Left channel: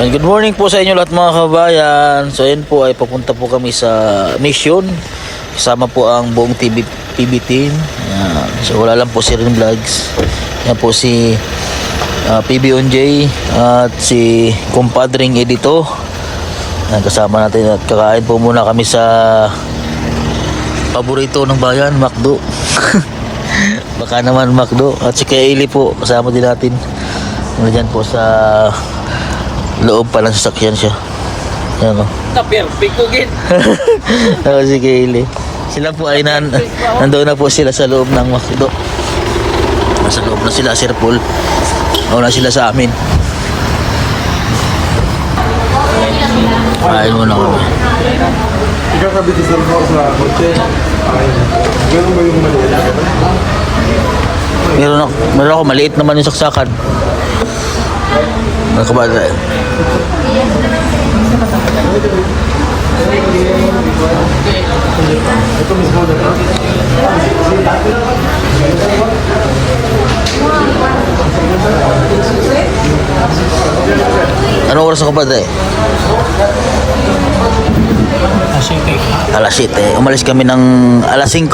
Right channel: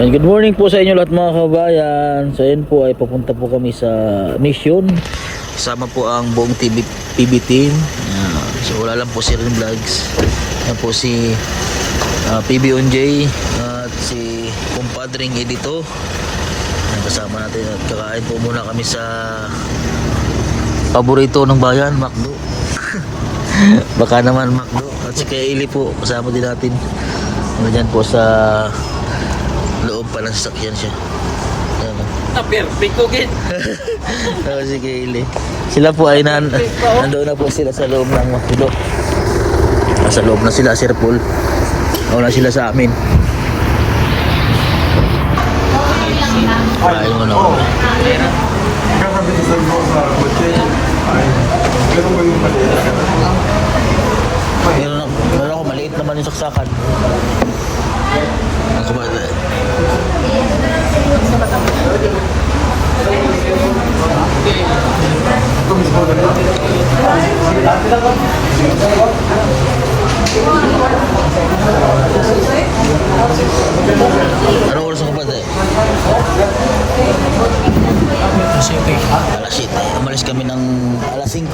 And good morning po sa inyo lahat mga kabayan. So ayun po ay papunta po kami sa mission. Kasama po ang buong PB team. Ayan. So wala lang po si Rin Vlogs. Yan po si PB Onjay at si kumpadring Edito. Ayan, kasama natin at kakain po muna kami sa paborito ng bayan, McDo. Baka naman McDo. At si Kaili po kasama din natin. Nandiyan po sa loob pa lang sasakyan siya. Ano? Perfect ko gid. Si Kaili. Sila po ay nandoon na po sila sa loob ng McDo. Nasa loob na sila, Sir Paul. Nauna sila sa amin. Kain muna kami. Ikakabitisan mo sa kotse. Meron ba yung maliit? Meron ako, maliit naman yung saksakan. Mga kabata. Ito mismo na ba? Anong oras ako ba tayo? Alas 7. Umalis kami ng alas 5.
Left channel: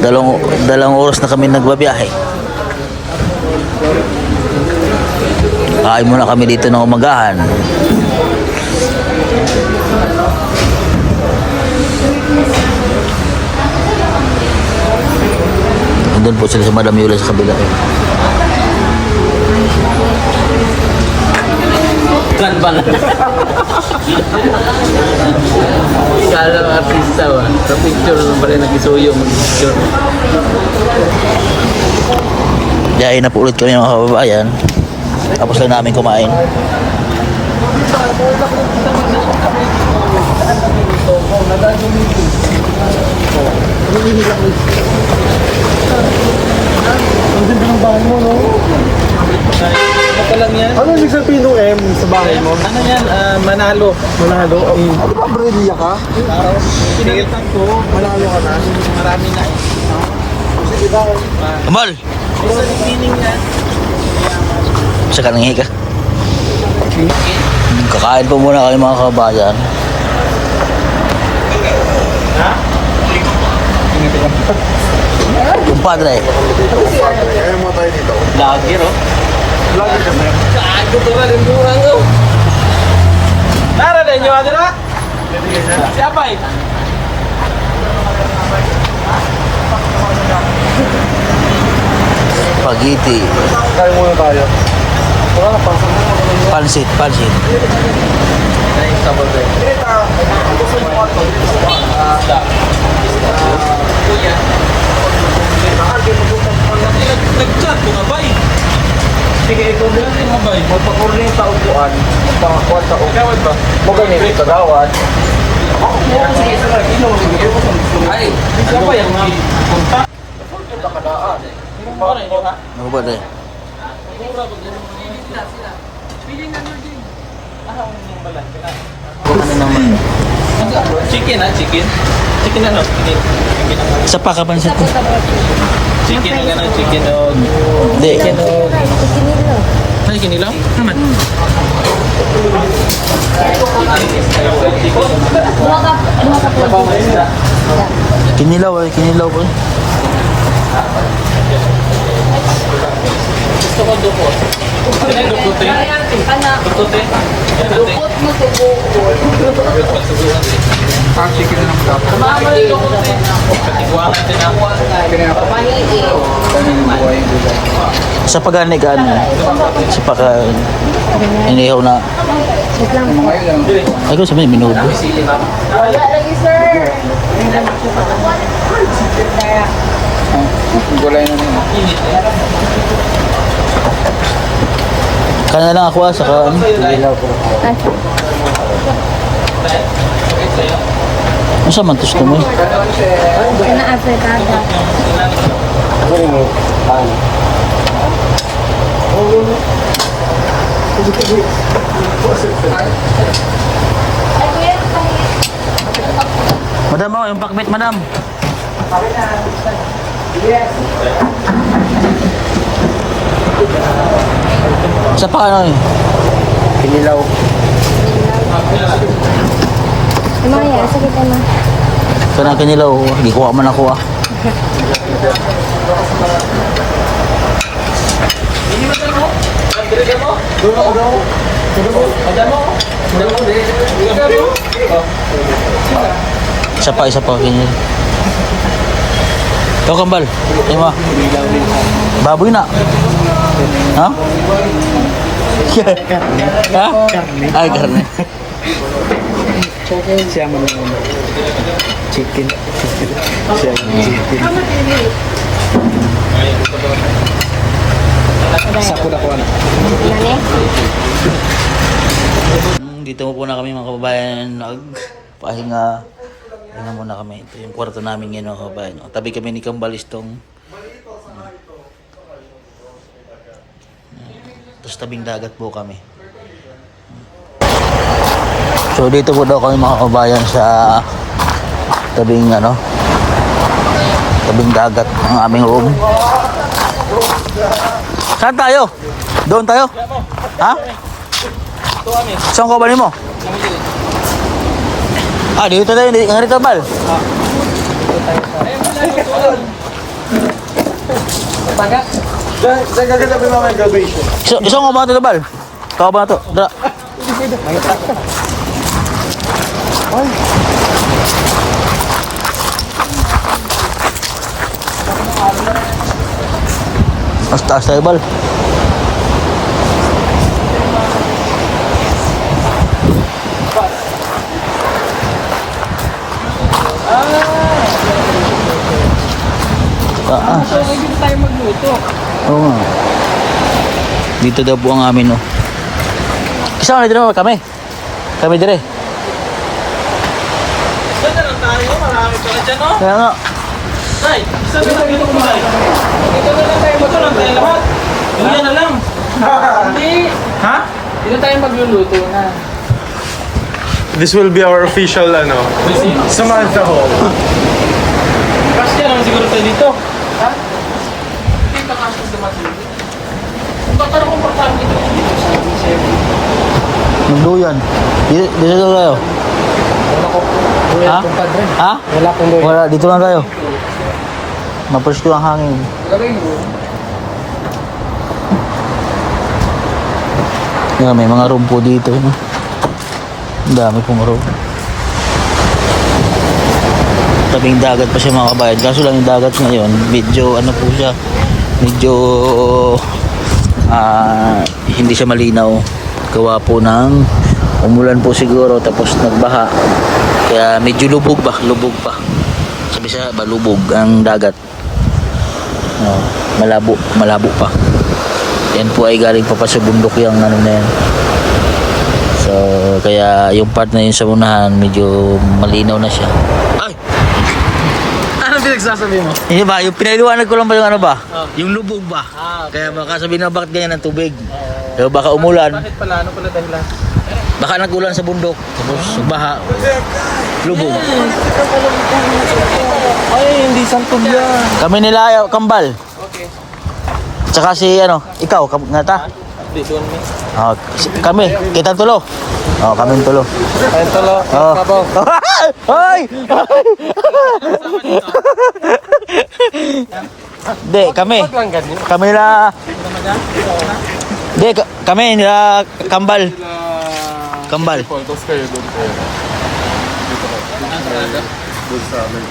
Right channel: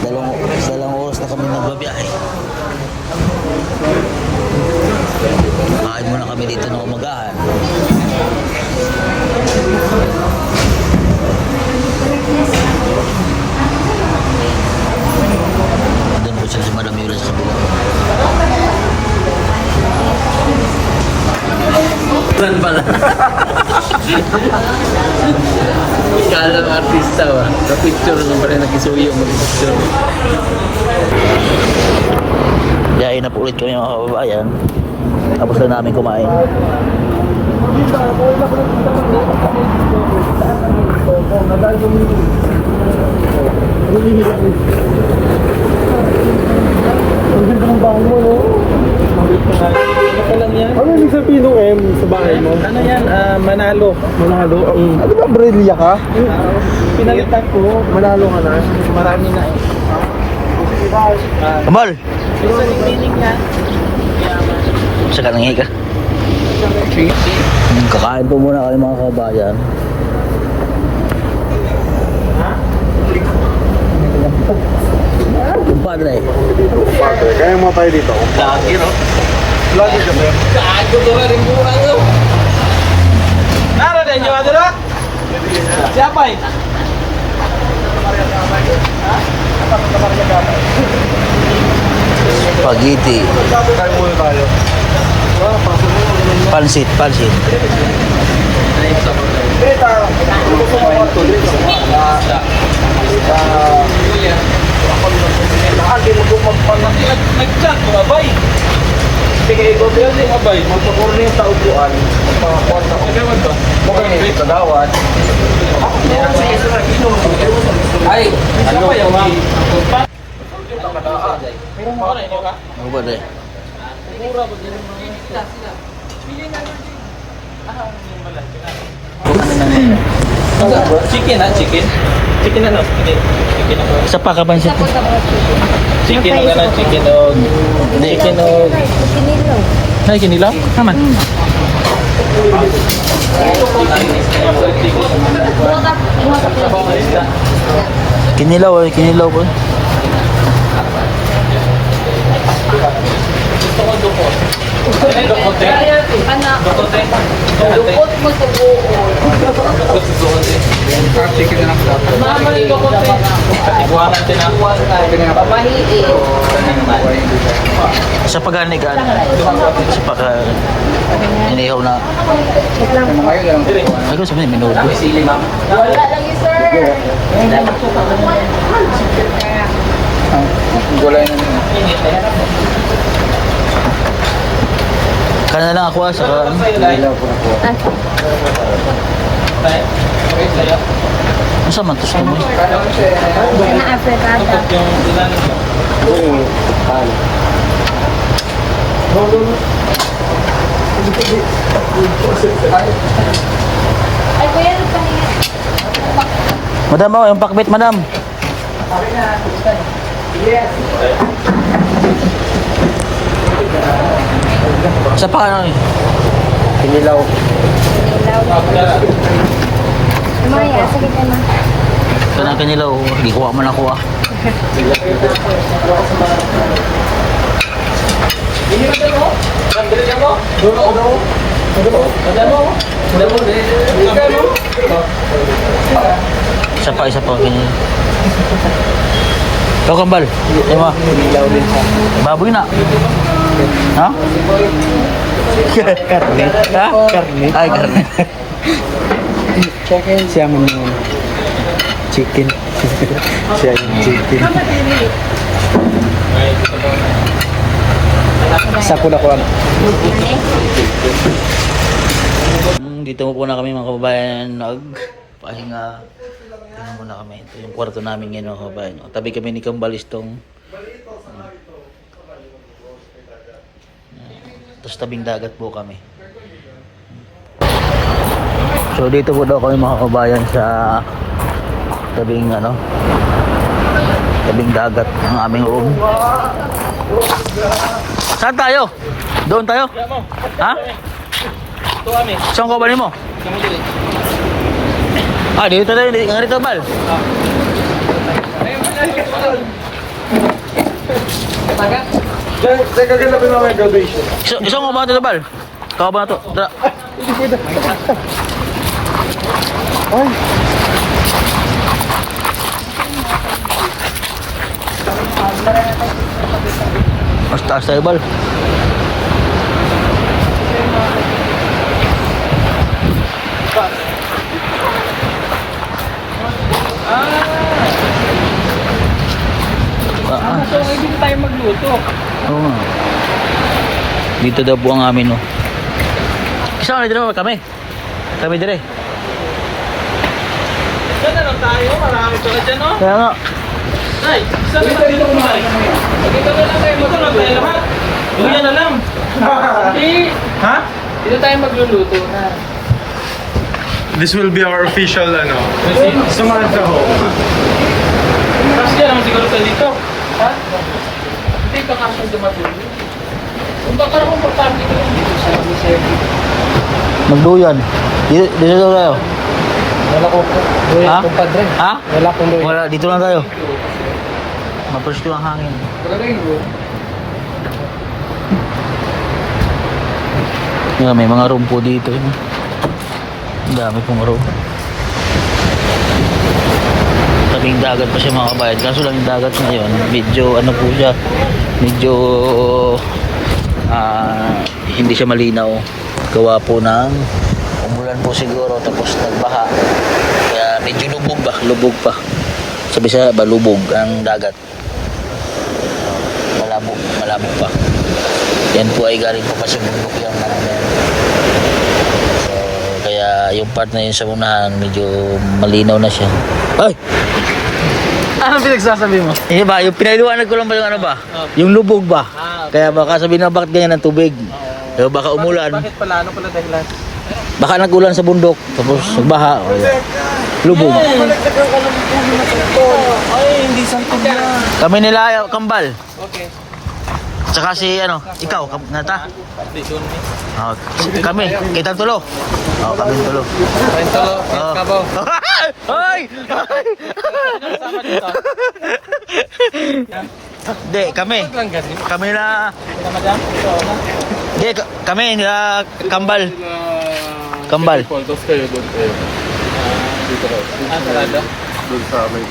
Dalawang oras na kami nagbabiyahe. Kain muna kami dito ng umagahan. Andun po sila sa Madam Yula sa kabila. Plan pala. Kala ng artista ba? Sa picture lang pa rin nagisuyo mag-picture. Diyain na po ulit kami mga kababayan. Tapos lang namin kumain. Ang ganda ng bahay mo, no? Ano pa lang yan? Ano ibig sabihin ng M sa bahay mo? Ano yan? Manalo. Manalo? Ano ba, Brillia ka? Pinalitan ko. Manalo ka na? Marami na eh. Kamal! Gusto ng feeling yan. Sa kananghi ka. Kakain po muna kami mga kababayan. Kumpadre. Kaya mo tayo dito. Lagi ro. Lagi ka ba? Saan ko to rin buwang ko? Nara din nyo adala? Siapa eh? Spaghetti. Kaya muna tayo. Pansit. Nag-chat ko nga ba eh? Sige, ito bilang mo ba? Magpakorne yung taupuan. Magpakakuan sa upuan ba? Magaling sa gawad. Ay, ano ba yan? Kumpadre. Mura ba din yung mga sila? Pili na naman din. Yung balat. Chicken ha? Chicken? Chicken ano? Chicken ano? Isa pa ka pansit. Chicken na lang, chicken o... Chicken o... Ay, kinilaw? Naman. Kinilaw ko. Gusto ko dukot. Dukot din? Dukot din? Dukot mo sa buhol. Dukot sa buhol din. Chicken lang daw. Samahan mo yung dukot din. Katiguaran din ako. Sa pagani ka ano? Sa pagka inihaw na. Ay ko sabihin minudo. Sili ba? Gulay na nyo. Kana lang ako sa kan. Ilaw ko na po. Ano man gusto mo eh? Na afritada. Ako yung pan. Ay, kuya, ano pang Madam, oh, yung pakbet, madam. Sa pa ano eh? Pinilaw. Maya, sakit ay ma. Ito na kanilaw. Hindi kuha man ako ah. Isa pa kanilaw. Ito kambal. Ayun ma. Baboy na. Ha? Ha? Ay, karne. Siya man yung chicken. Siya yung chicken. Sa ko na ko ano. Dito mo po na kami mga kababayan nagpahinga. Tingnan muna kami. Ito yung kwarto namin ngayon mga kababayan. O, tabi kami ni Kambalistong. Tapos tabing dagat po kami. So dito po daw kami mga kababayan sa tabing tabing dagat ang aming room. Saan tayo? Doon tayo? Ha? Saan ka ba mo? Dito tayo, hindi nga rito bal. Diyan kaganda ko na graduation. Isang ka ba ito bal? Ikaw ba ito? Dara. Hindi pwede. Ay. Mas taas tayo bal. So, hindi tayo magluto. Oo nga. Dito daw po ang amin, no. Kasama na din naman kami. Kami dire. Saan na lang tayo? Marami pa ka dyan, no? Kaya nga. Ay, saan na lang tayo kumain? Dito na lang tayo magluto na lahat. Dito na lang. Hindi. Ha? Dito tayo magluluto na. This will be our official Samantha home. Kasi yan naman siguro tayo dito. Ha? Hindi ka kasi dumatulog. Kung baka akong magparang dito dito sa service. Magduyan. Dito daw tayo. Wala ko. Ha? Compadre. Ha? Wala kong doon. Wala, dito lang tayo. Mapusto ang hangin. Wala rin yun. Yeah, may mga room po dito. No? Ang dami pong room. Tabing dagat pa siya mga kabayan. Kaso lang yung dagat ngayon, medyo po siya, medyo hindi siya malinaw. Gawa po ng umulan po siguro tapos nagbaha. Kaya medyo lubog pa. Sabi siya ba lubog ang dagat. Malabo pa. Yan po ay galing pa sa bundok yung na yan. So, kaya yung part na yun sa unahan, medyo malinaw na siya. Ay! Anong pinagsasabi mo? Hindi ba? Yung pinaliwanag ko lang ba yung yung lubog ba? Kaya baka sabihin na bakit ganyan ang tubig? Pero baka umulan. Bakit pala? Ano pala dahilan? Baka nag-ulan sa bundok. Tapos nagbaha. O yan. Lubog. Ay, hindi sangkog yan. Kami nila Kambal. Okay. Tsaka si ikaw, nga ta? Kami, kita tulo. Kami tulo. Kain tolo. Oh. Kabaw. Ay! Hindi, kami. Lang ganyan. Kami na... Ramadan? Hindi, kami nila Kambal. Kambal. Tapos kayo doon kayo. Dito ka. Sarado? Doon sa may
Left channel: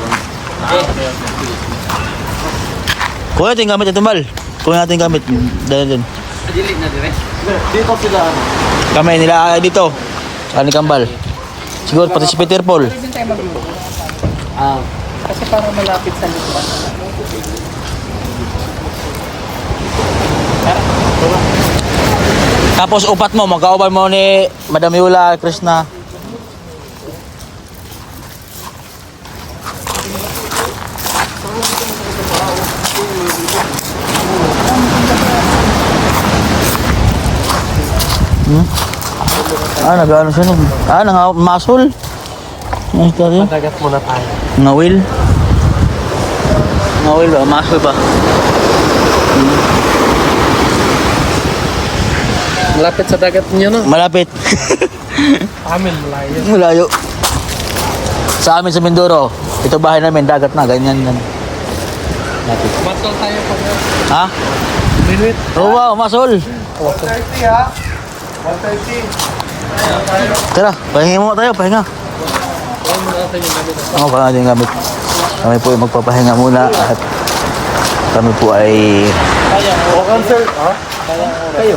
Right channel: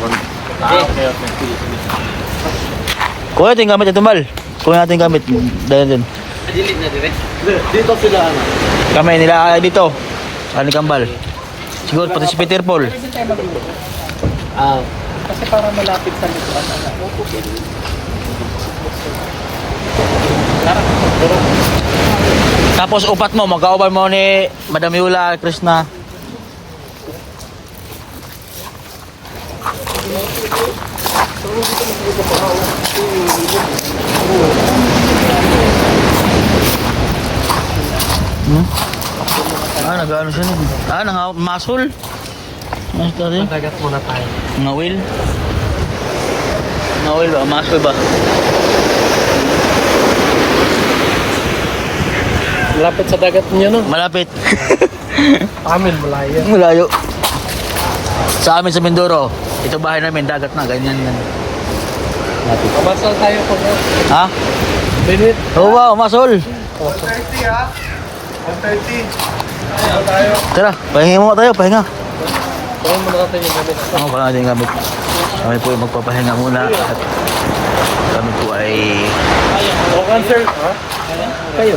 Kuha natin gamit ito, Bal. Kuha natin gamit. Dahil din. Dilid na dire. Dito sila Kami nila dito. Kani Kambal. Siguro pati si Peter Paul. Pwede tayo magluto. Kasi para malapit sa lutuan. Tapos upat mo, magkauban mo ni Madam Yula, Krishna. Nag-ano siya nun? Nang-muscle. Ano siya? Dagat muna tayo. Ngawil. Ngawil ba? Muscle ba? Malapit sa dagat niyo, no? Malapit. Amin, malayo. Malayo. Sa amin sa Mindoro. Ito bahay namin, dagat na, ganyan yan. Lapit. Kumasal tayo pag Ha? minute. Oo ba, umasol. 130 ha? 130. Tayo. Tara, pahinga mo tayo, pahinga. Ano pa natin gamit? Kami po ay magpapahinga muna at kami po ay O cancel, ha? Kayo.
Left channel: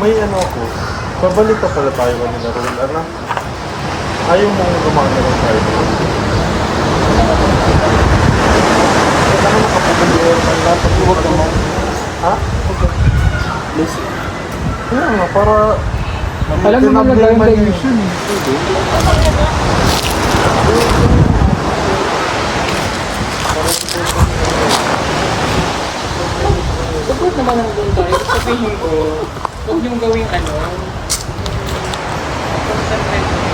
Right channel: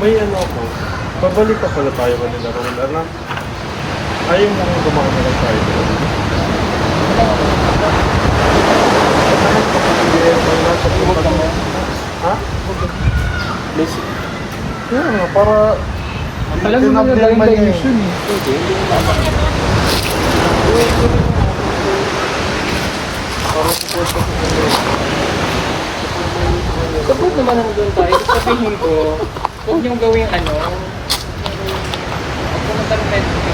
May ano ako. Pabalik pa pala tayo kami na roll. Ano? Ayaw mo gumaan na lang tayo. Ba't naman nakapupulihan tayo dapat huwag mo? Ha? Basic. Kaya nga, para Alam mo na tinabli lang yun. Support naman ako doon tayo. Sabihin ko, huwag niyong gawing ano. Pumunta na tayo.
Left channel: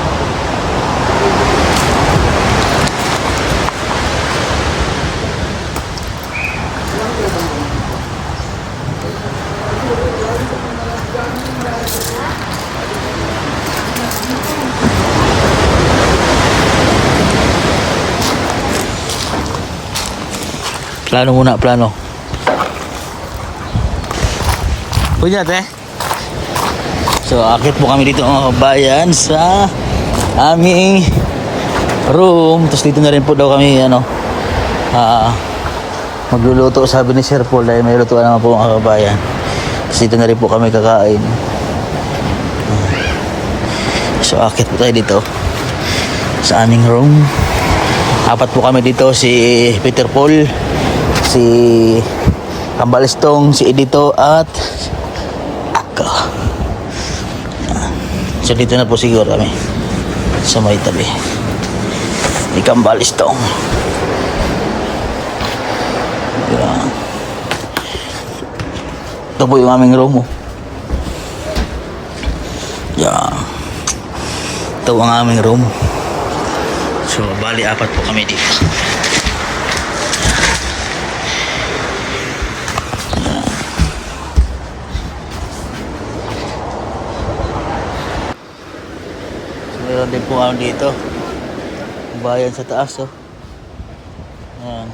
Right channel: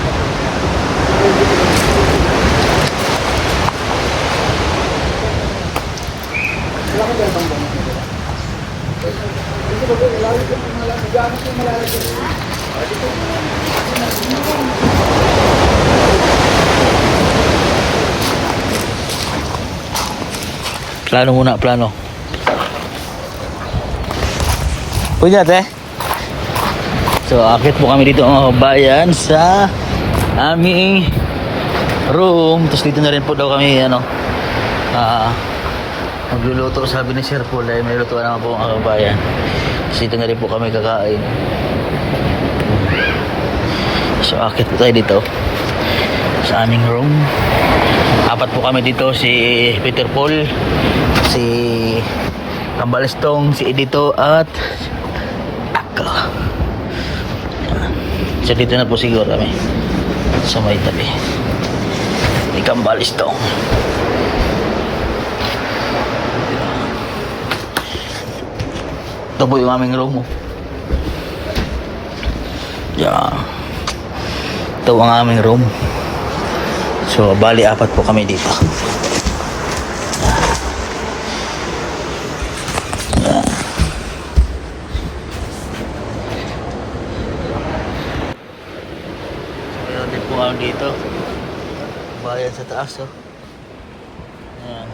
plano muna, plano. Punya teh. So, akit po kami dito mga kabayan sa aming room. Tapos dito na rin po daw kami, magluluto. Sabi ni Sir Paul ay may lutuan naman po mga kabayan. Tapos dito na rin po kami kakain. So, akit po tayo dito sa aming room. Apat po kami dito, si Peter Paul, si Kambalistong, si Edito at ako. So dito na po siguro kami sa may tabi ni Kambalistong. Ayan. Ito po yung aming room. Yan. Ito ang aming room. So bali apat po kami dito. Yan. Meron din po ako dito. Bayan sa taas, oh. Yan.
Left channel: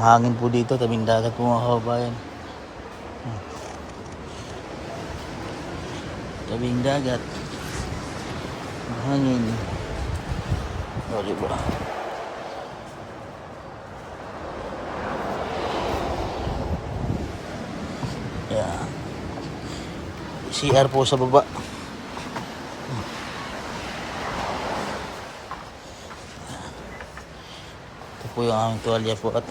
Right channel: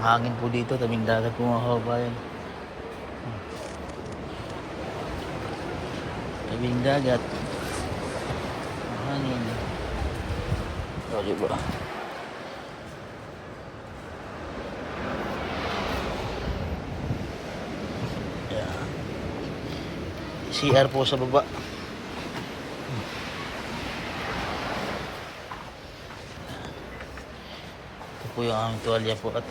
Mahangin po dito, tabing dagat po mga kabayan. Tabing dagat. Mahangin. O, diba? Yan. CR po sa baba. Ito po yung aming tuwalya po at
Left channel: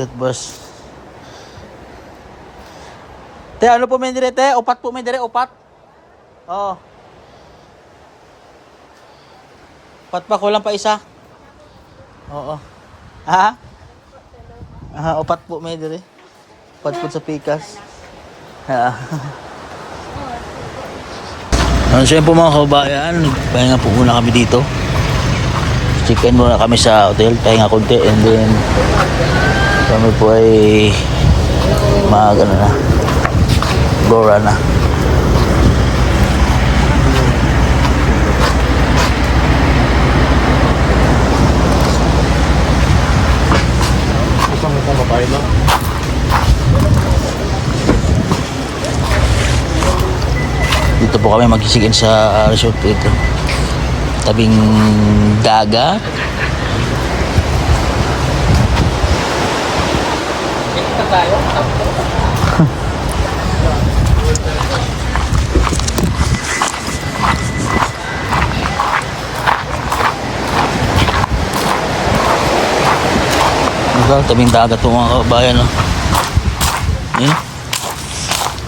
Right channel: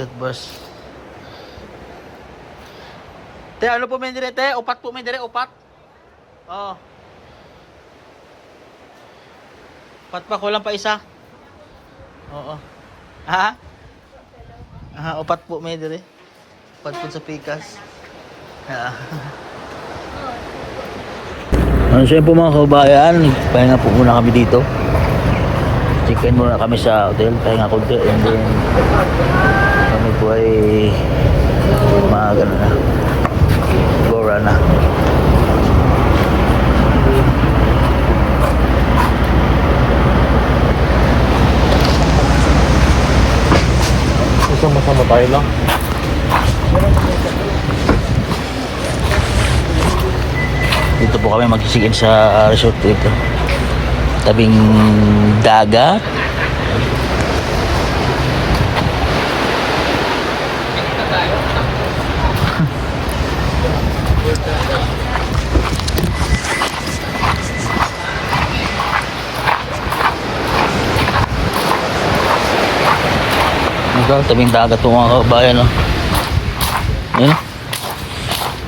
toothbrush. Te, ano po may dire, te? Upat po may dire, upat. Oo. Upat pa, kulang pa isa. Oo. Ha? Upat po may dire. Upat po sa pikas. Ha. So yun po mga kabayan, pahinga po muna kami dito. Check-in muna kami sa hotel, pahinga konti, and then kami po ay Gora na. Sama-sama tayo lang. Dito po kami mag-check-in sa resort po ito. Tabing dagat. Tabing dagat po mga kabayan, oh. Eh?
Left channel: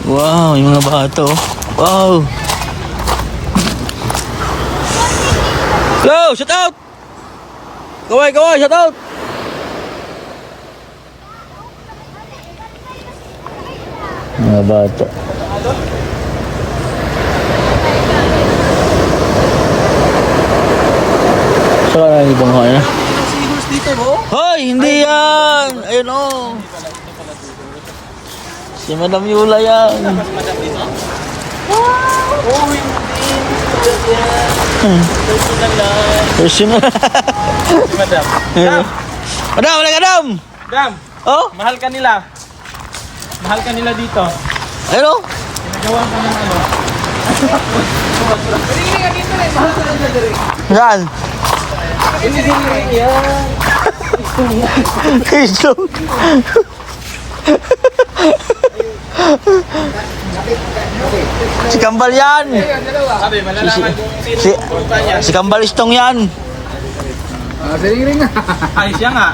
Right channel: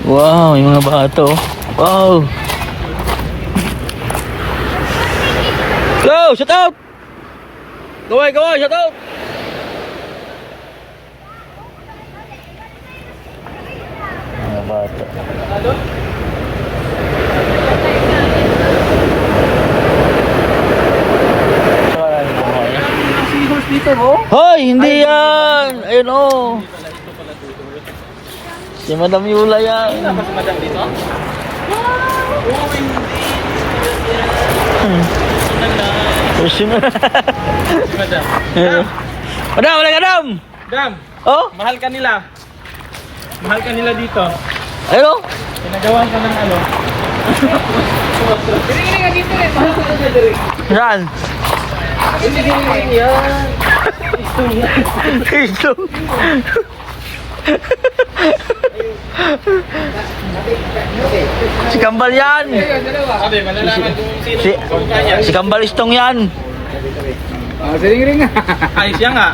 Wow, yung mga bato. Wow. Go, shout out. Go, shout out. Mga bata. Saan na dito mo eh? Hoy! Hindi yan! Ayun o! Si Madam Yula yan. Pusin mo. Madam. Madam! Wala ka, Madam! Dam, Oh! mahal ka nila. Mahal ka nila dito. Ayun o! Pinagawa ka ng ano. Saan? Hindi yan. Ito. Si Kambal yan. Sabi, malalaman kung sino Si, ang kanya. si Kambal Istong yan. Ay, siya nga.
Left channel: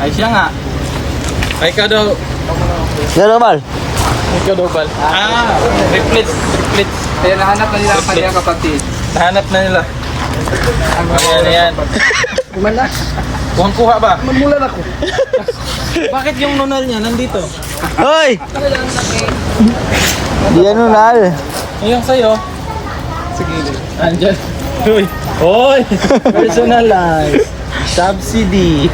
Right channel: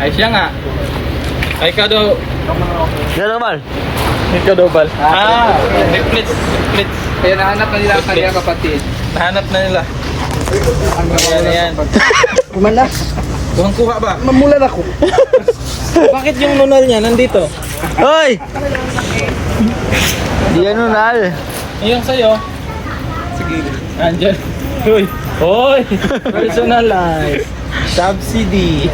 Ay, siya nga. Ay, ikaw daw. Gano'n Kambal? Ikaw daw, Bal. Ah, replits. Replits. Kaya nahanap na nila ang kanyang kapatid. Nahanap na nila. Ano yan? Kumala. Kuha ba? Mamulan ako. Bakit yung nunal niya nandito? Hoy! Di ano nal. Yung sa'yo. Sige. Andyan. Uy. Hoy! Personalized. Subsidy.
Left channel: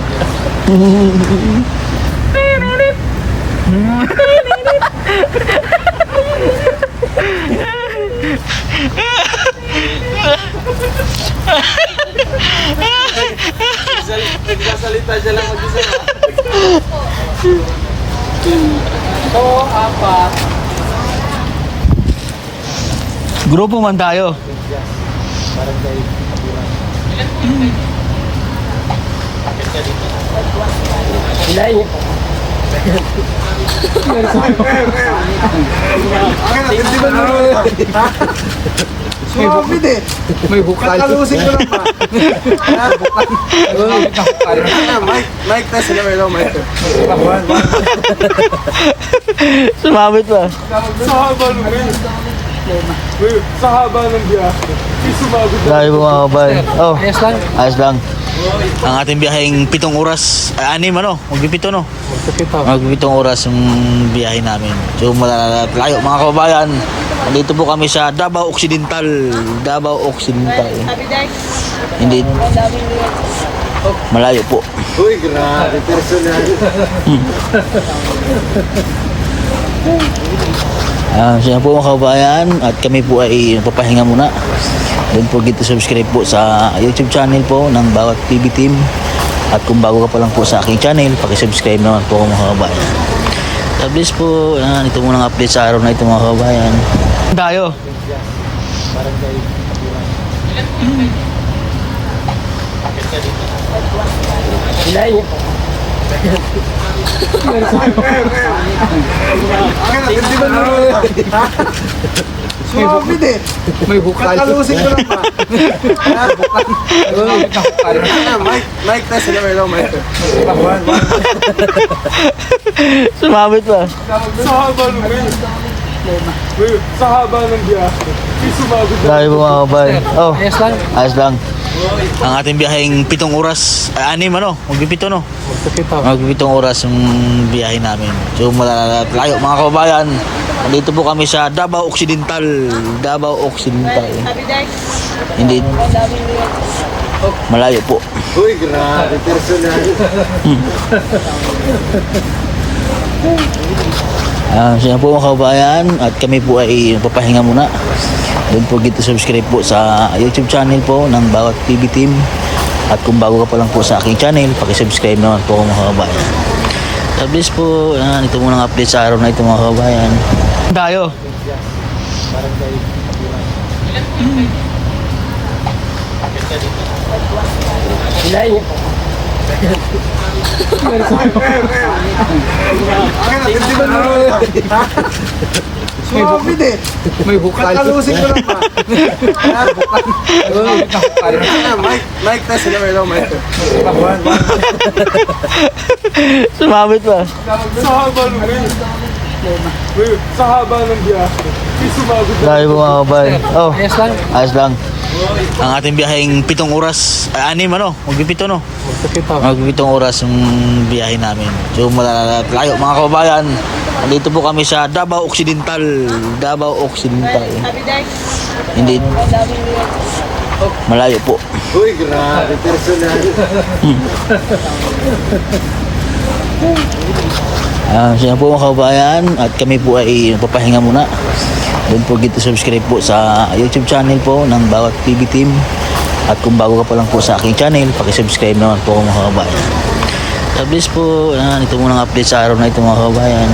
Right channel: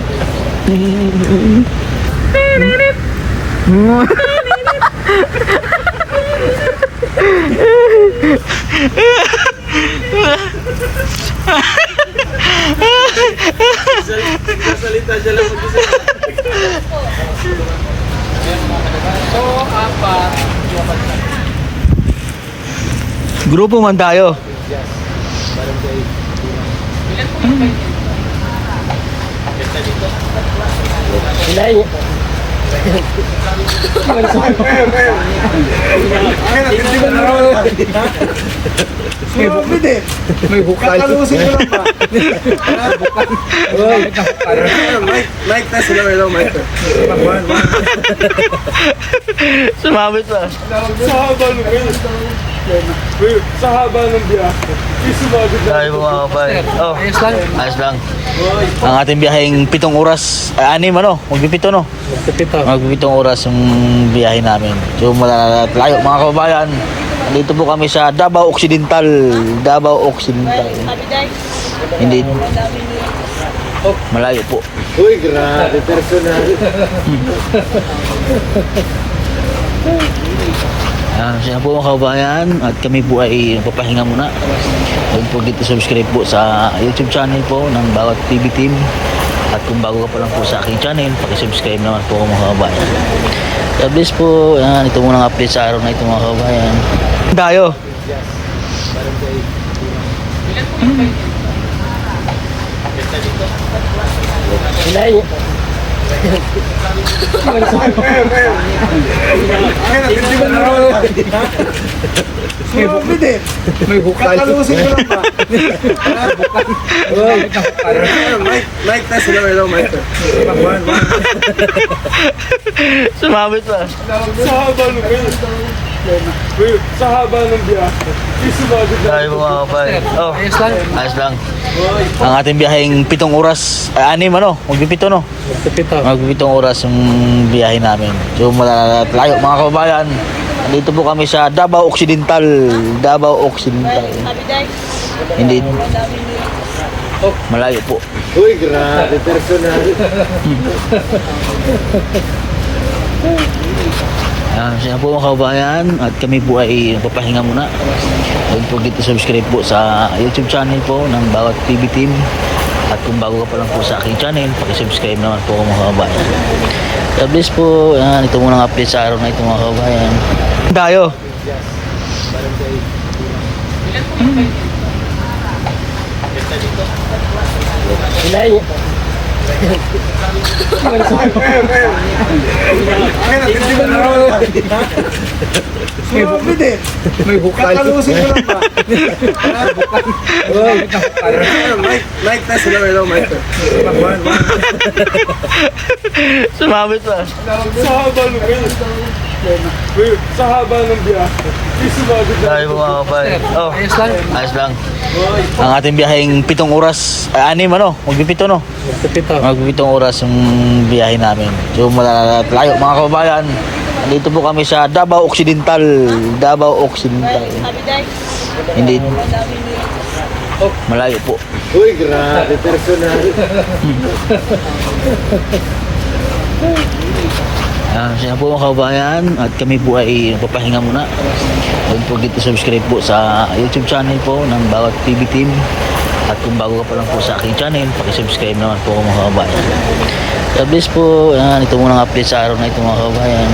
Salita dyan lang mag-isa. Grupo man tayo. Hindi ba naman? Sumabit eh. May bukal. Kakalusin ko lang ba? Bukal. Mike, tayo sila. Hello, Mike. Sumabit ba? Sa haba ng Sa haba ng biyahe. Sumabit Dahil mga kabay. Oh, Ayos lang. ayos lang. Ang ating biyaheng 7 oras. 6 ano? Magpipito no? Magpipitong oras yung biyahe namin. So malayo mga kababayan. Nandito po kami sa Davao Occidental. Davao Occidental. Hindi. Malayo po. Uy, grabe. Personal. Siya po mga kababayan at kami po ay papahinga muna. Don't forget to subscribe po sa YouTube channel po ng Bawat TV Team. At kung bago ka pa lang po sa aking channel, pakisubscribe naman po mga kababayan. God bless po. Ito muna ang update sa araw na ito mga kababayan. Tayo. Hindi ba naman? Sumabit eh. May bukal. Kakalusin ko lang ba? Bukal. Mike, tayo sila. Hello, Mike. Sumabit ba? Sa haba ng Sa haba ng biyahe. Sumabit Dahil mga kababayan. Oh, Ayos lang. ayos lang. Ang ating biyaheng 7 oras. 6 ano? Magpipito no? Magpipitong oras yung biyahe namin. So malayo mga kababayan. Nandito po kami sa Davao Occidental. Davao Occidental. Hindi. Malayo po. Uy, grabe. Personal. Siya po mga kababayan at kami po ay papahinga muna. Don't forget to subscribe po sa YouTube channel po ng Bawat TV Team. At kung bago ka pa lang po sa aking channel, pakisubscribe naman po mga kababayan. God bless po. Ito muna ang update sa araw na ito mga kababayan. Tayo. Hindi ba naman? Sumabit eh. May bukal. Kakalusin ko lang ba? Bukal. Mike, tayo sila. Hello, Mike. Sumabit ba? Sa haba ng Sa haba ng biyahe. Sumabit Dahil mga kababayan. Oh, Ayos lang. ayos lang. Ang ating biyaheng 7 oras. 6 ano? Magpipito no? Magpipitong oras yung biyahe namin. So malayo mga kababayan. Andito po kami sa Davao Occidental. Davao Occidental. Hindi. Malayo po. Uy, grabe, personal. Siya po mga kabayan at kami po ay nagpapahinga muna. Don't forget to subscribe po sa YouTube channel po ng bawat PB team. At kung bago ka pa lang po sa aking channel, pakisubscribe naman po mga kabayan. God bless po. Ito muna ang update sa araw na ito mga kabayan.